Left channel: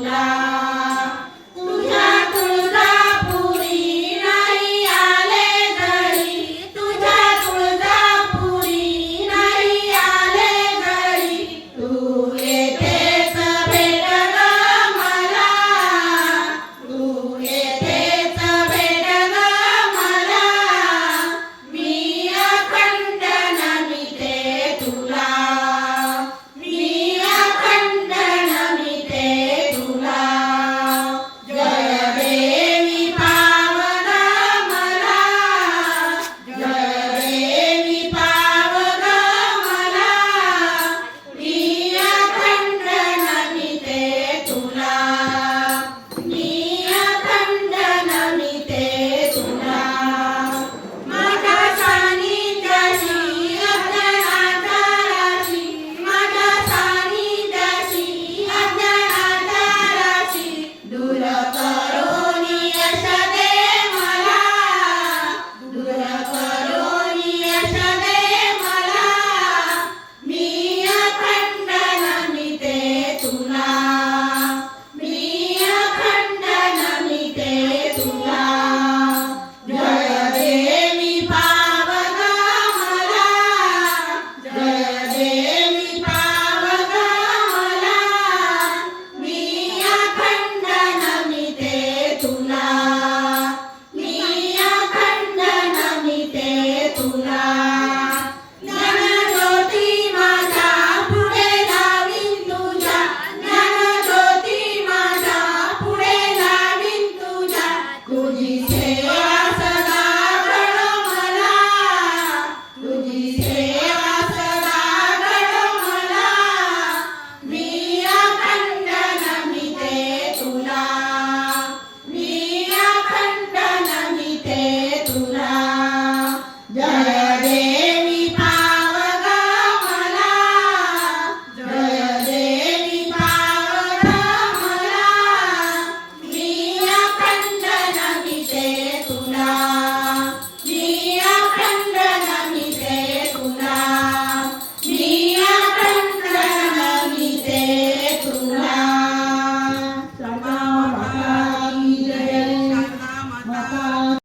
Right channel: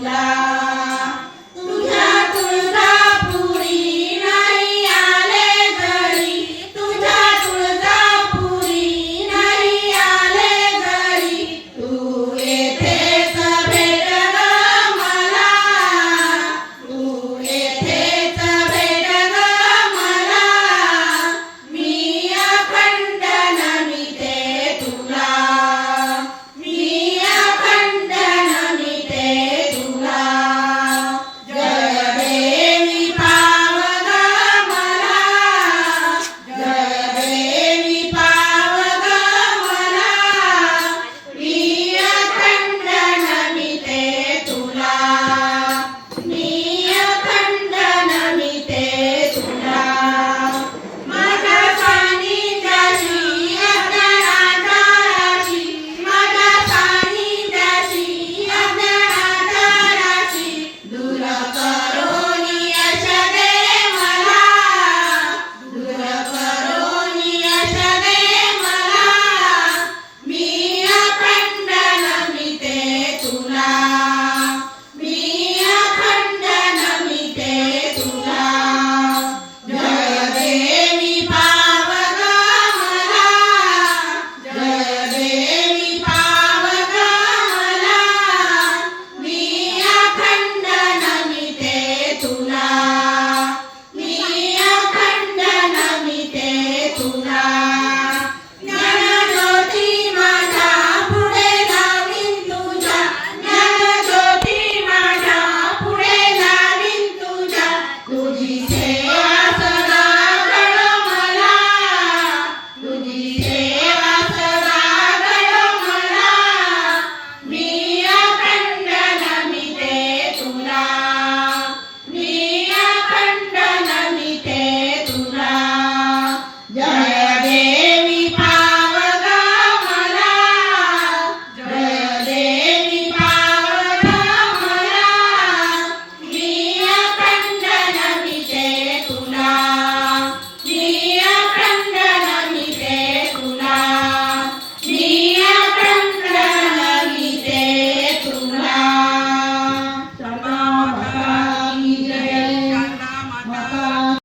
Love.